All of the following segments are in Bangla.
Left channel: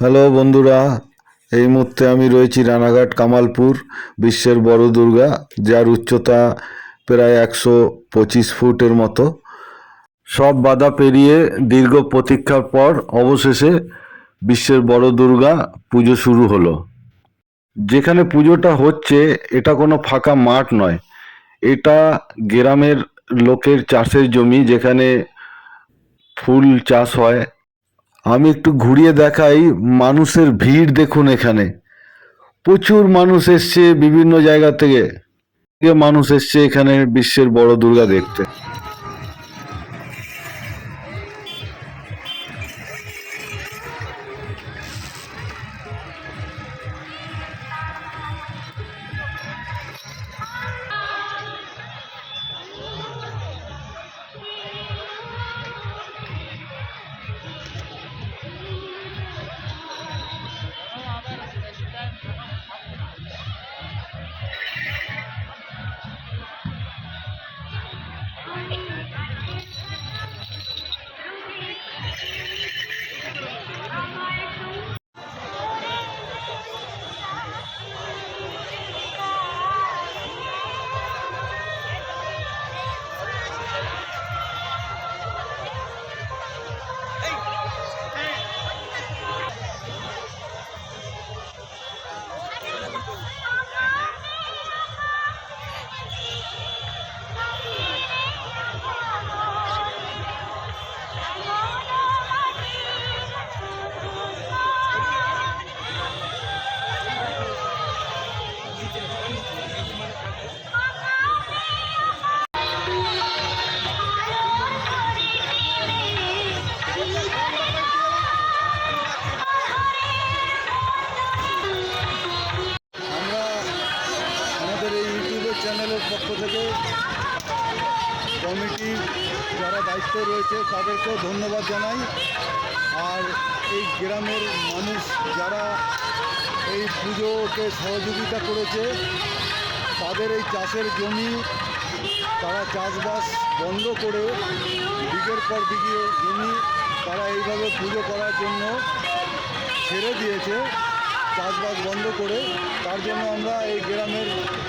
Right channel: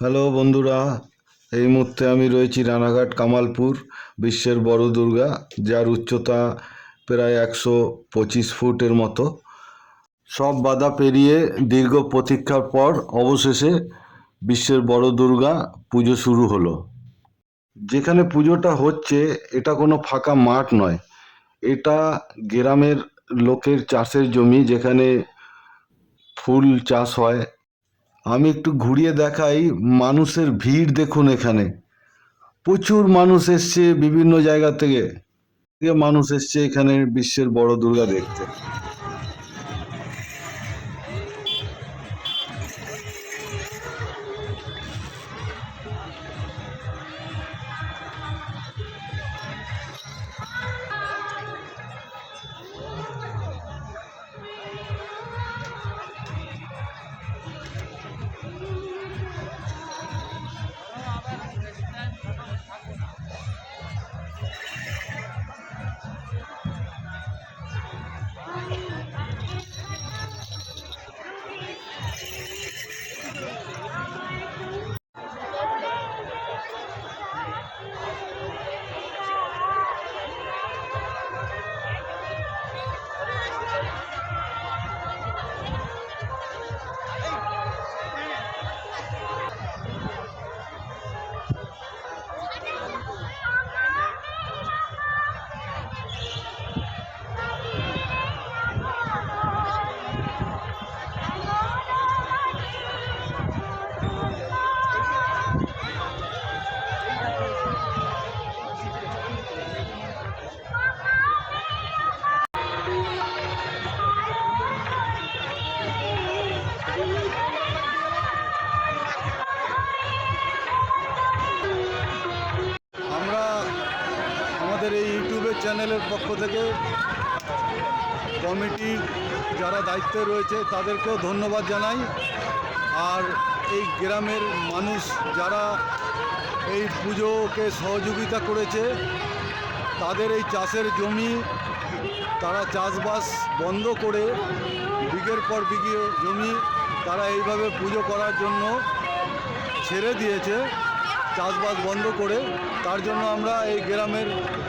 হ্যালো বন্ধুরা, এই মুহূর্তে আমি রয়েছি রানাঘাট কামালপুর বিশ্বের বড় দুর্গা, যার উচ্চতা প্রায় 125 ফুটের মতো। সব বাধা পেরিয়ে দীর্ঘ প্রতীক্ষার পর অবশেষে বিশ্বের বড় দুর্গা পুজো শুরু হলো। যেখানে পুজোটা হচ্ছে এটা কোনো ফাঁকা মাঠ নয়, এটা গ্রামের লোকের চাষের জমি, যেখানে ফুল চাষ হয়। আমি একটু ঘুরিয়ে দেখাই, মানুষের ভিড় দেখুন এখানে। প্রচুর মানুষ এসছে বিভিন্ন জায়গা থেকে। মানুষ এসছে এখানে বিশ্বের বড় দুর্গা দেখতে। আমরা আমাদের এই ইউটিউবের চ্যানেলের পক্ষ থেকে কমিটির যারা দায়িত্বে রয়েছে তাদেরকেও ধন্যবাদ জানাই। আর এই গ্রামের মানুষ যারা এই পুজোকে সহযোগিতা করেছে, তাদের এই চাষের জমি তারা চাষবাস বন্ধ করে বিঘের পর বিঘে জমি তারা এইভাবে পুজো করার জন্য ছেড়ে দিয়েছে, চাষবাস বন্ধ করে। তার জন্য আমরা এই গ্রামের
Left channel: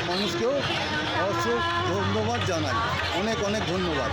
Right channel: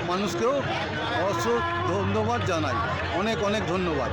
মানুষকেও অবশ্য ধন্যবাদ জানাই। অনেক অনেক ধন্যবাদ।